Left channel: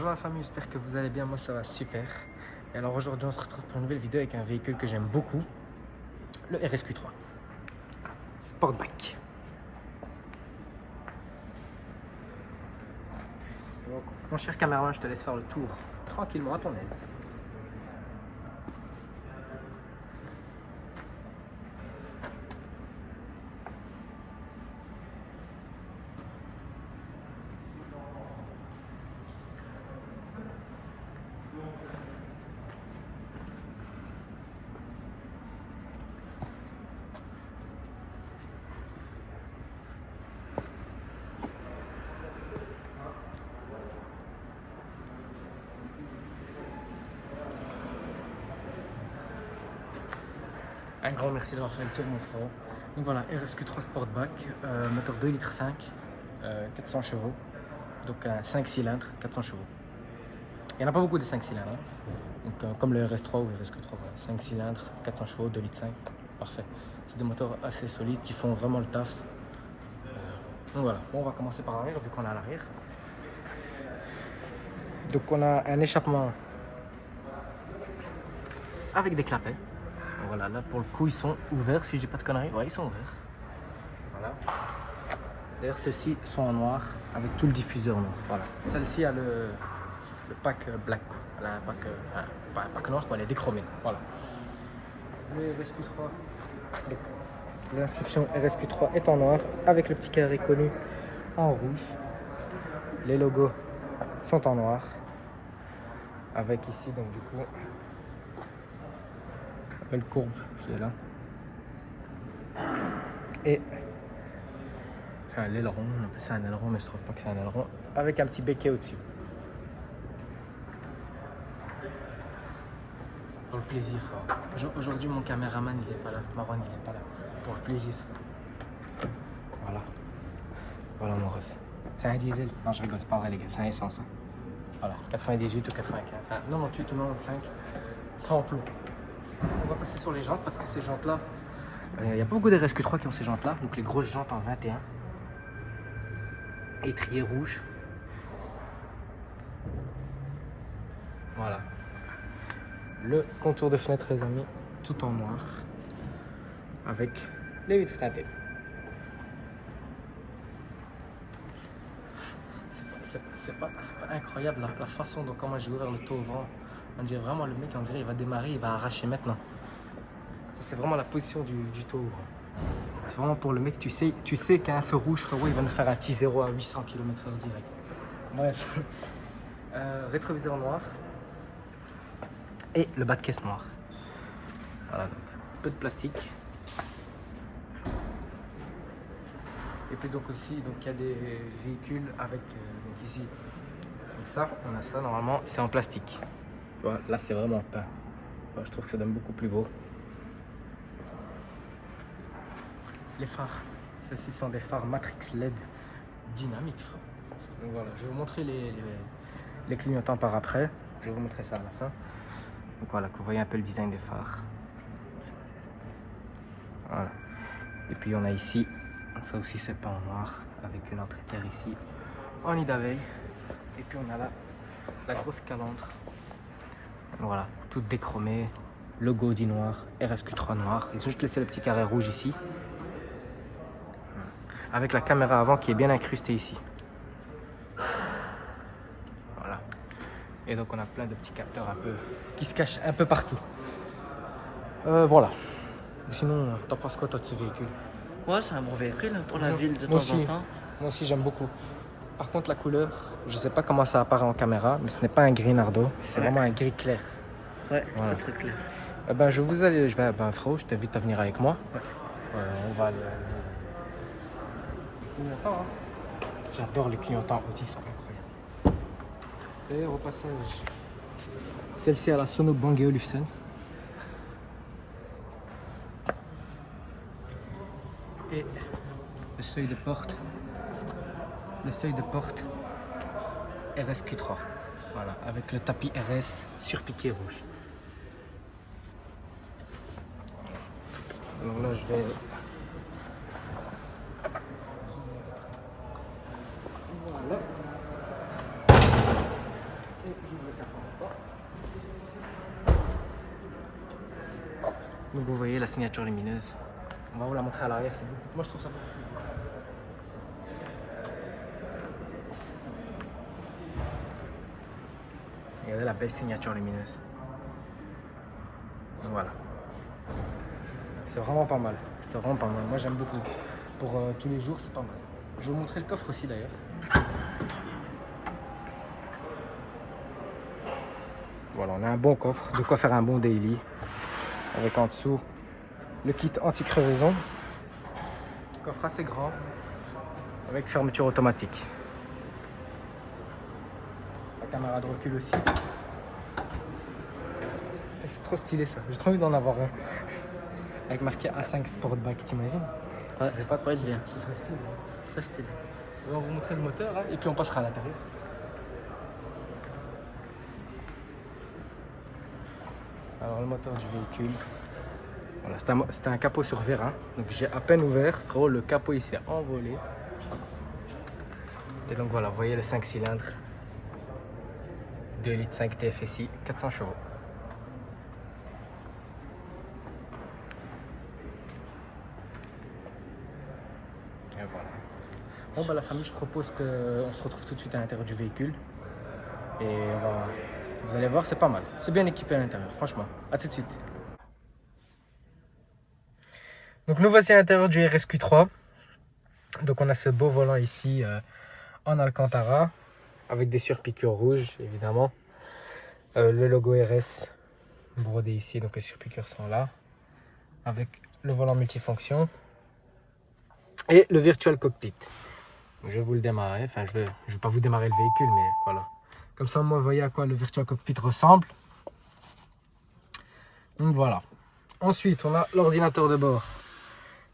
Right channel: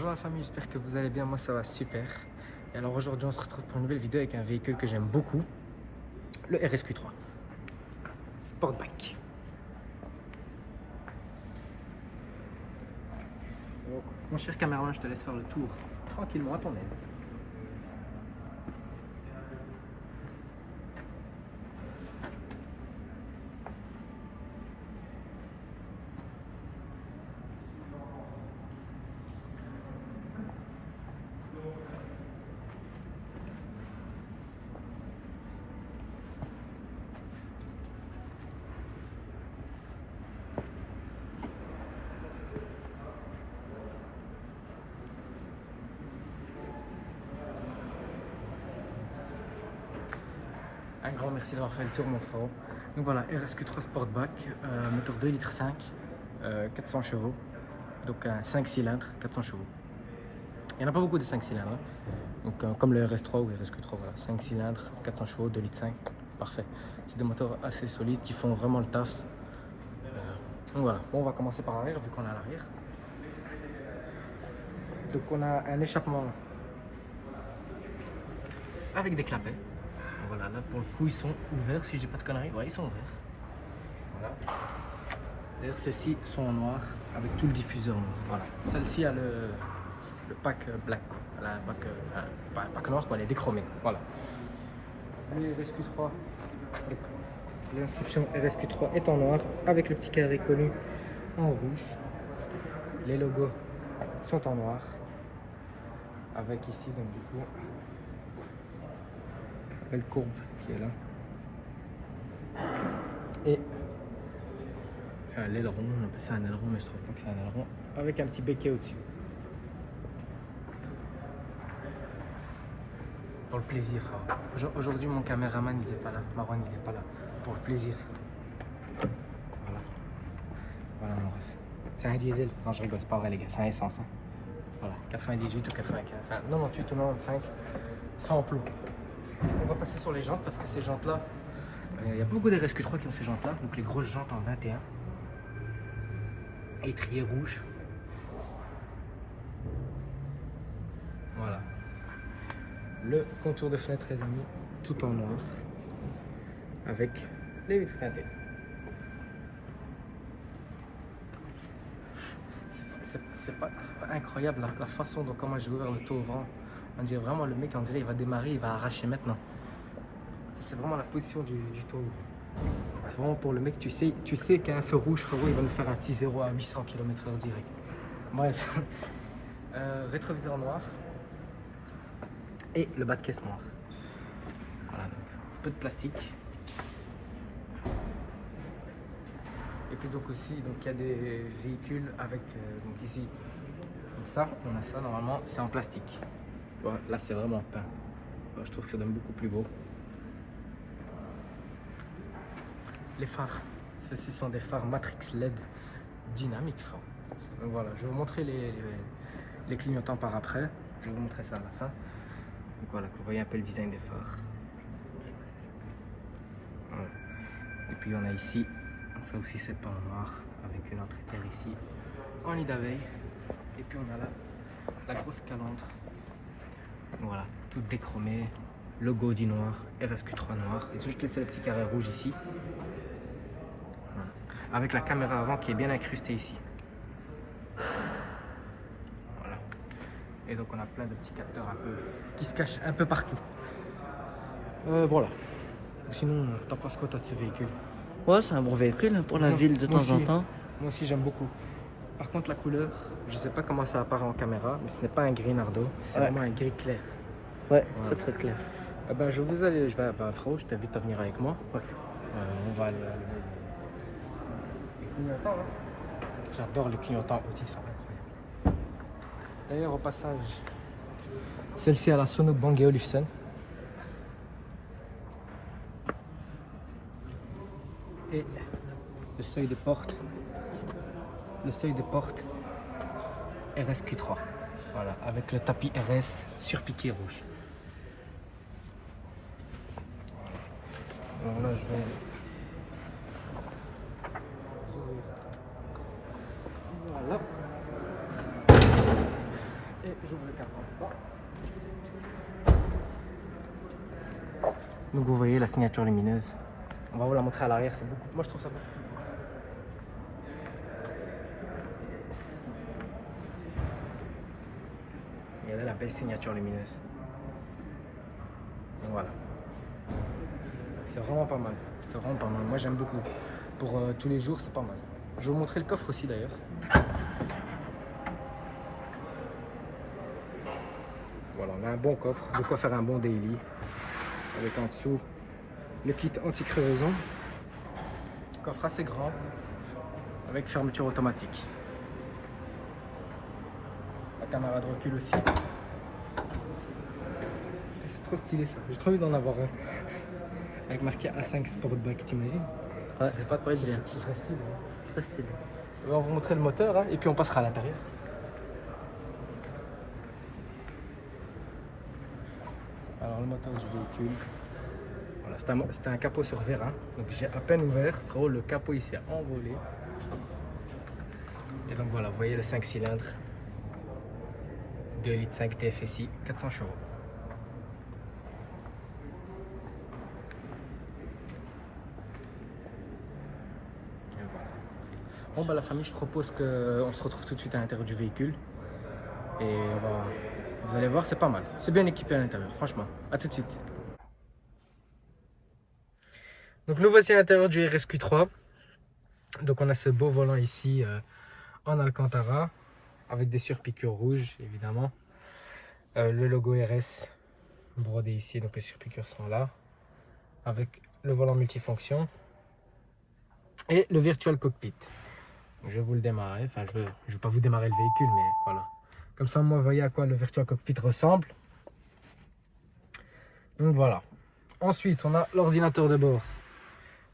Bonjour la famille, j'espère que vous allez bien, moi ça va super. Et alors aujourd'hui on se retrouve pour une nouvelle vidéo avec un véhicule que j'aime beaucoup, le RSQ3 Sportback. Donc, mon cher caméraman, je te laisse faire le tour tranquillement à ton aise. Un grand merci d'avoir fait le tour mon frère. Donc voilà, RSQ3 Sportback, moteur 2,5 litres, 400 chevaux. Donc un 5 cylindres, 400 chevaux. Il n'y en a pas beaucoup de 5 cylindres. Hein. Donc comme le RS3 ou le RSQ3, voilà. 5 cylindres, 400 chevaux, 2,5 litres, parfait. C'est des moteurs assez solides qui font vraiment le taf. Donc voilà, bon, on va commencer par l'arrière vu qu'on est à l'arrière. Donc on a un échappement avec des clapets. Voilà, là pour le coup ils sont ouverts, si je dis pas de conneries, ouais ils sont ouverts. Voilà. D'ailleurs ceux-ci sont en noir avec tout le diffuseur noir. Voilà. Celle-ci a le pack black, elle a un pack, pas un pack noir quoi, elle est déchromée. Voilà. Le RSQ3, l'inscription RSQ3 est en noir avec le petit carré connu en rouge. Les logos sont en noir avec ici donc du coup la belle courbe qui est là et enfin, l'aileron, on appelle ça un aileron mais je trouve pas que c'est un aileron, avec un petit béquet au-dessus pour le plaisir. Aujourd'hui mon caméraman il est pas là, Marwan il est pas là, pour le plaisir. Voilà mon ref, c'est un diesel, non je rigole, c'est pas vrai les gars, c'est un essence hein. Voilà, 98 ou 95, enfin 98 ou 95 sans plomb. On va passer sur les jantes parce que ces jantes là, il n'y a pas beaucoup de RSQ3 qui ont ces jantes là, donc les grosses jantes en 21, étrier rouge, voilà, le contour de fenêtre les amis, tout en noir, avec les vitres teintées. C'est pas incroyable la façon dont comment j'ai ouvert le taux au vent. On dirait vraiment le mec, on dirait il va démarrer, il va arracher maintenant. C'est vraiment la position du taux. C'est vraiment pour le mec, tu sais qu'il y a un feu rouge, frérot, il va nous faire un petit 0 à 800 km/h direct. Bref, rétroviseur noir et le bas de caisse noir. Voilà, donc peu de plastique. Et puis donc aussi, donc il y a des véhicules avec donc ici, comme ça, on a ça normalement, c'est en plastique. Bon, là c'est vraiment peint. Bon, je trouve que ça donne beaucoup plus beau. Les phares, ceux-ci sont des phares Matrix LED dynamiques, frère. Donc voilà, je vais vous montrer les clignotants par après. Je vais vous montrer ça à la fin. Donc voilà, que vous voyez un peu le design des phares. Voilà. Et puis on a ici, ça aussi c'est pas en noir, avec une entrée terre ici, en nid d'abeille. Et puis on a là la grosse calandre. Voilà, toute déchromée, logo dit noir, RSQ3 noir. Ils ont juste laissé le petit carré rouge ici. Avec la caméra avant qui est bien incrustée ici. Voilà. Et donc on a plein de petits capteurs un peu qui se cachent un peu partout. Voilà. Sinon, t'en penses quoi toi de ce véhicule? Ouais, c'est un bon véhicule pour la ville de temps en temps. Moi aussi j'aime beaucoup. Par contre la couleur, je sais pas comment ça apparaît en caméra, mais ce n'est pas un gris nardo, c'est vraiment un gris clair. Ouais, voilà. Très clair. Je vais frérot, je t'invite à venir avec moi. Ouais. On va aller les clignotants. Hein. J'adore les clignotants Audi, ils sont incroyables. D'ailleurs au passage, celle-ci a la Sono Bang & Olufsen. Et le seuil de porte RSQ3, voilà, avec le tapis RS surpiqué rouge. Alors là je vais, voilà, Donc vous voyez la signature lumineuse. On va vous la montrer à l'arrière, c'est beaucoup. Moi je trouve ça beaucoup plus beau. Regardez la belle signature lumineuse. Donc voilà. C'est vraiment pas mal. C'est vraiment pas mal. Moi j'aime beaucoup. Pour tous les jours, c'est pas mal. Je vais vous montrer le coffre aussi d'ailleurs. Voilà, on a un bon coffre. De quoi faire un bon daily. Avec en dessous le kit anti-crevaison. Coffre assez grand. Avec fermeture automatique. La caméra de recul aussi. C'est trop stylé ça. J'ai trop envie d'en avoir un. Avec marqué A5 Sportback, t'imagines? Ouais, ça pourrait être bien. Ce serait stylé. Très stylé. On va vous montrer le moteur hein, et puis on passera à l'intérieur. Alors le moteur du véhicule. Voilà, c'était un capot sur vérin. Donc j'ai à peine ouvert. Frérot, le capot il s'est envolé. Et donc voilà, vous voyez le 5 cylindres. 2 litres 5 TFSI, 400 chevaux. Et voilà. Bon bah la famille, je propose qu'on se retrouve tout de suite à l'intérieur du véhicule. Et vous allez voir, c'est pas mal. C'est bien équipé à l'intérieur, franchement. À tout de suite. Donc nous voici à l'intérieur du RSQ3. Donc on a ce beau volant ici en Alcantara. Avec des surpiqûres rouges, évidemment. Le logo RS brodé ici, donc les surpiqûres sont là. Avec le volant multifonction. Et le virtual cockpit. Je vais vous le démarrer. Enfin, je vais pas vous démarrer le véhicule, mais voilà. Comme ça, moi, vous voyez à quoi le virtual cockpit ressemble. Donc voilà. Ensuite, on a l'ordinateur de bord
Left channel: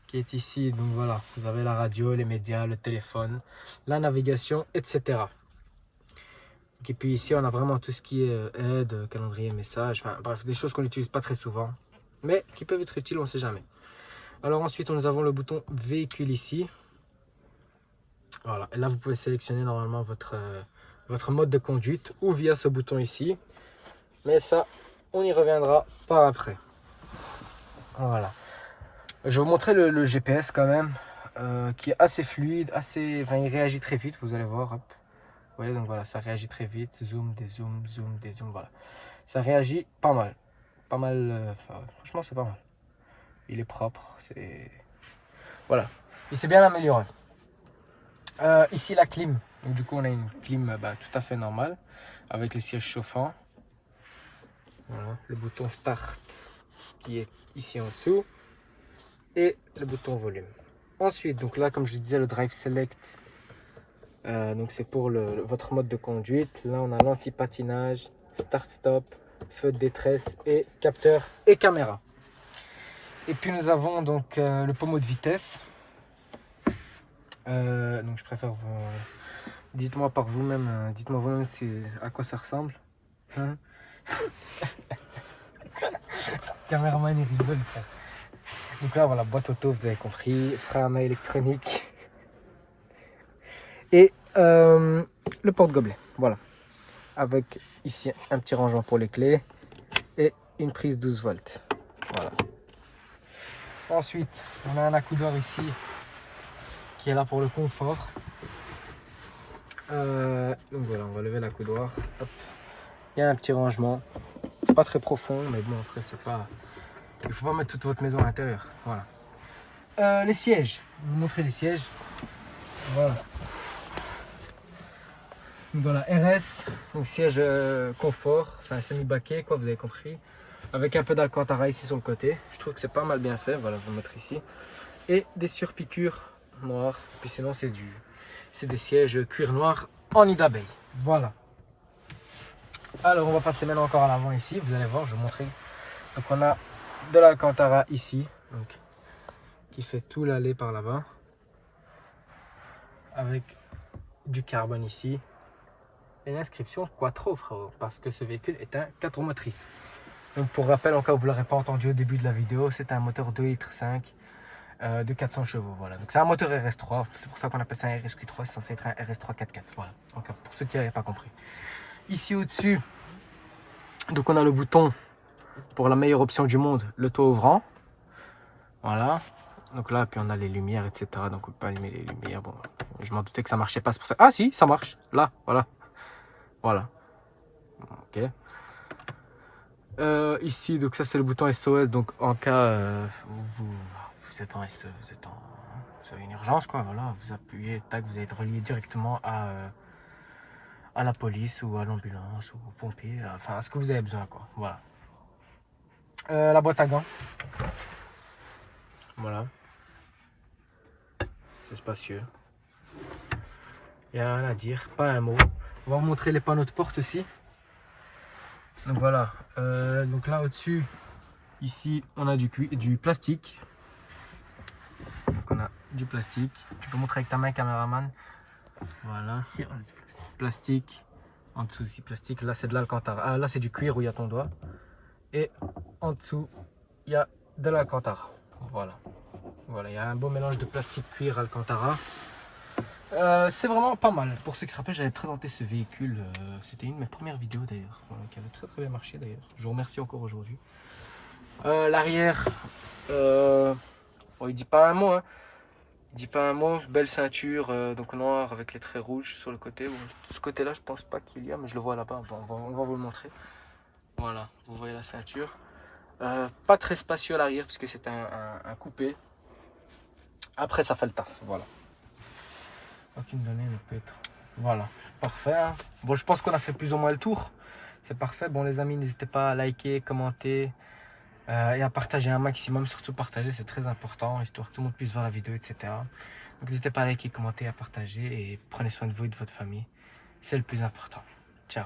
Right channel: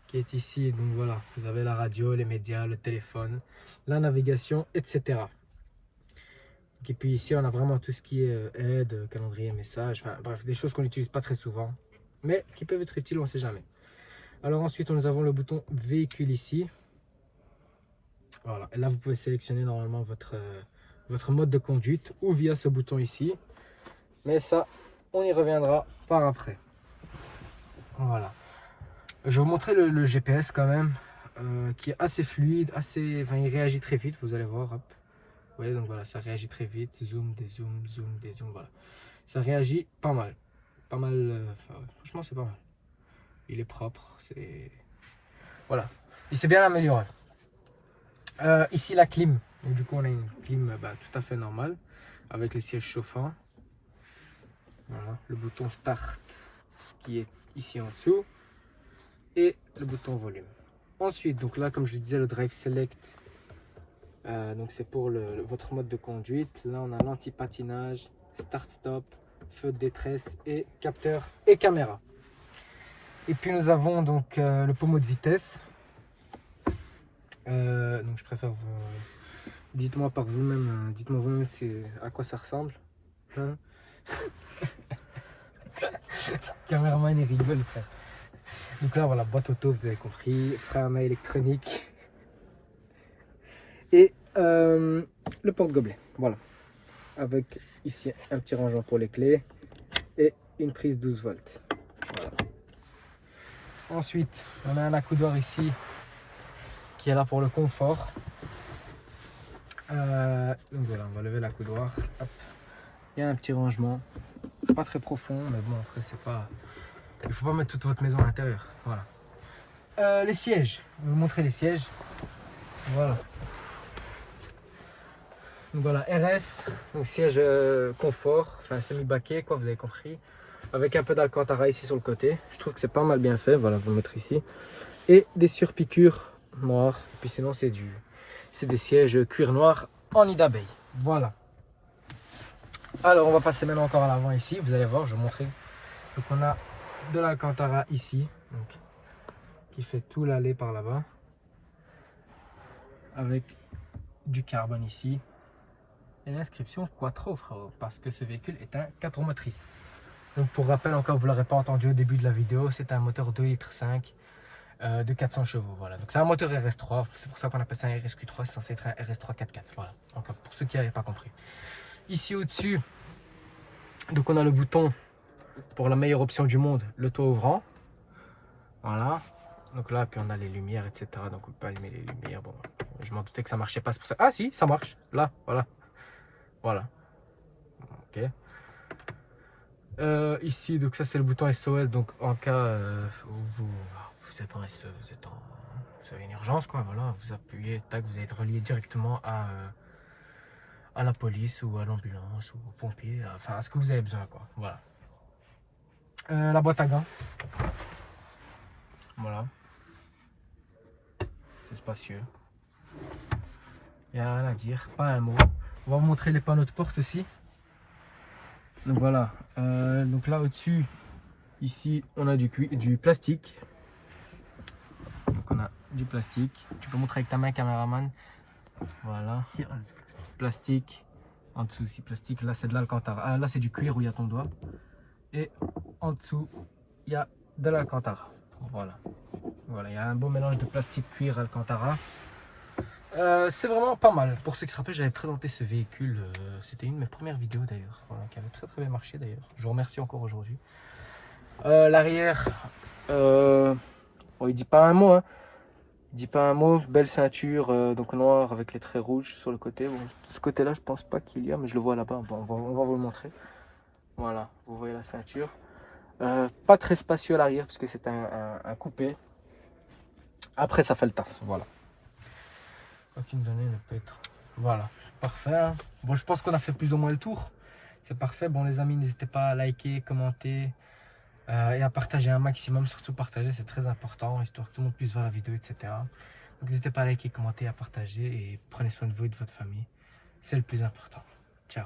qui est ici. Donc voilà, vous avez la radio, les médias, le téléphone, la navigation, etc. Et puis ici, on a vraiment tout ce qui est aide, calendrier, message, enfin bref, des choses qu'on n'utilise pas très souvent, mais qui peuvent être utiles, on ne sait jamais. Alors ensuite, nous avons le bouton véhicule ici. Voilà, et là, vous pouvez sélectionner normalement votre mode de conduite ou via ce bouton ici. Mais ça, on y reviendra par après. Voilà. Je vais vous montrer le GPS quand même, qui est assez fluide, enfin, il réagit très vite, vous allez voir. Hop. Vous voyez, donc voilà, ça réagit très vite. Zoom, dézoom, zoom, dézoom, voilà. Ça réagit pas mal. Pas mal, franchement, c'est pas mal. Il est propre, c'est... Voilà. Il s'est bien amélioré. Ici, la clim. Donc, du coup, on a une clim tout à fait normale, avec les sièges chauffants. Voilà. Le bouton Start, qui est ici en dessous. Et le bouton volume. Ensuite, donc là, comme je disais, le Drive Select. Donc c'est pour votre mode de conduite. Là on a l'anti-patinage, start-stop, feu de détresse et capteur et caméra. Et puis nous avons donc le pommeau de vitesse. Donc je préfère vous... dites-moi par vous-même, dites-moi vous-même à quoi ça ressemble. Hein? Caméraman il rigole frère. Donc là voilà, boîte auto, vous avez compris, frein à main électronique. Et le porte-gobelet, voilà. Avec ici un petit rangement pour les clés et une prise 12 volts. Voilà. Ensuite, on a un accoudoir ici qui est là pour le confort. Donc voilà, on va lever l'accoudoir. Il y a un petit rangement, pas très profond, mais bon, après, c'est pas. Il faut pas mettre toute votre maison à l'intérieur. Voilà. Les sièges, je vais vous montrer les sièges. Voilà. Donc voilà, RS, donc siège confort, enfin semi-baquet, quoi, vous avez compris. Avec un peu d'Alcantara ici sur le côté. Je trouve que c'est pas mal bien fait, voilà, vous le mettre ici. Et des surpiqûres noires. Et puis sinon, c'est des sièges cuir noir en nid d'abeille. Voilà. Alors, on va passer maintenant encore à l'avant ici. Vous allez voir, je vais vous montrer. Donc, on a de l'Alcantara ici, donc, qui fait tout l'allée par là-bas. Avec du carbone ici. Et l'inscription Quattro, frérot, parce que ce véhicule est un 4 roues motrices. Donc pour rappel, encore vous ne l'aurez pas entendu au début de la vidéo, c'est un moteur 2,5 litres de 400 chevaux. Voilà. Donc c'est un moteur RS3, c'est pour ça qu'on appelle ça un RSQ3, c'est censé être un RS3 4x4. Voilà, encore pour ceux qui n'avaient pas compris. Ici au-dessus, donc on a le bouton pour la meilleure option du monde, le toit ouvrant. Voilà. Donc là, puis on a les lumières, etc. Donc on peut allumer les lumières. Bon, je m'en doutais que ça marchait pas, c'est pour ça. Ah si, ça marche. Là, voilà. Voilà. Ok. Ici, donc ça c'est le bouton SOS. Donc en cas où vous êtes en SE, vous avez une urgence, quoi. Voilà, vous appuyez, tac, vous êtes relié directement à la police ou à l'ambulance ou aux pompiers, enfin à ce que vous avez besoin, quoi. Voilà. La boîte à gants. Voilà. C'est spacieux. Il n'y a rien à dire, pas un mot. On va vous montrer les panneaux de porte aussi. Donc voilà. Donc là au-dessus, ici, on a du plastique. Donc on a du plastique. Tu peux montrer avec ta main, caméraman. Voilà. Plastique. En dessous aussi, plastique. Là, c'est de l'alcantara. Ah, là, c'est du cuir où il y a ton doigt. Et en dessous, il y a de l'alcantara. Voilà. Voilà, il y a un beau mélange de plastique, cuir, alcantara. C'est vraiment pas mal. Pour ceux qui se rappellent, j'avais présenté ce véhicule. C'était une de mes premières vidéos d'ailleurs. Voilà, qui avait très bien marché d'ailleurs. Je vous remercie encore aujourd'hui. L'arrière, bon, il dit pas un mot. Hein. Il dit pas un mot. Belle ceinture, donc noire avec les traits rouges sur le côté. Bon, ce côté-là, je pense pas qu'il y a, mais je le vois là-bas. Bon, on va vous le montrer. Voilà, vous voyez la ceinture. Pas très spacieux à l'arrière parce que c'est un coupé. Après, ça fait le taf. Voilà. Aucune donnée ne peut être. Voilà, parfait. Hein. Bon, je pense qu'on a fait plus ou moins le tour. C'est parfait. Bon, les amis, n'hésitez pas à liker, commenter et à partager un maximum. Surtout partager, c'est très important, histoire que tout le monde puisse voir la vidéo, etc. Donc, n'hésitez pas à liker, commenter, à partager et prenez soin de vous et de votre famille. C'est le plus important. Ciao.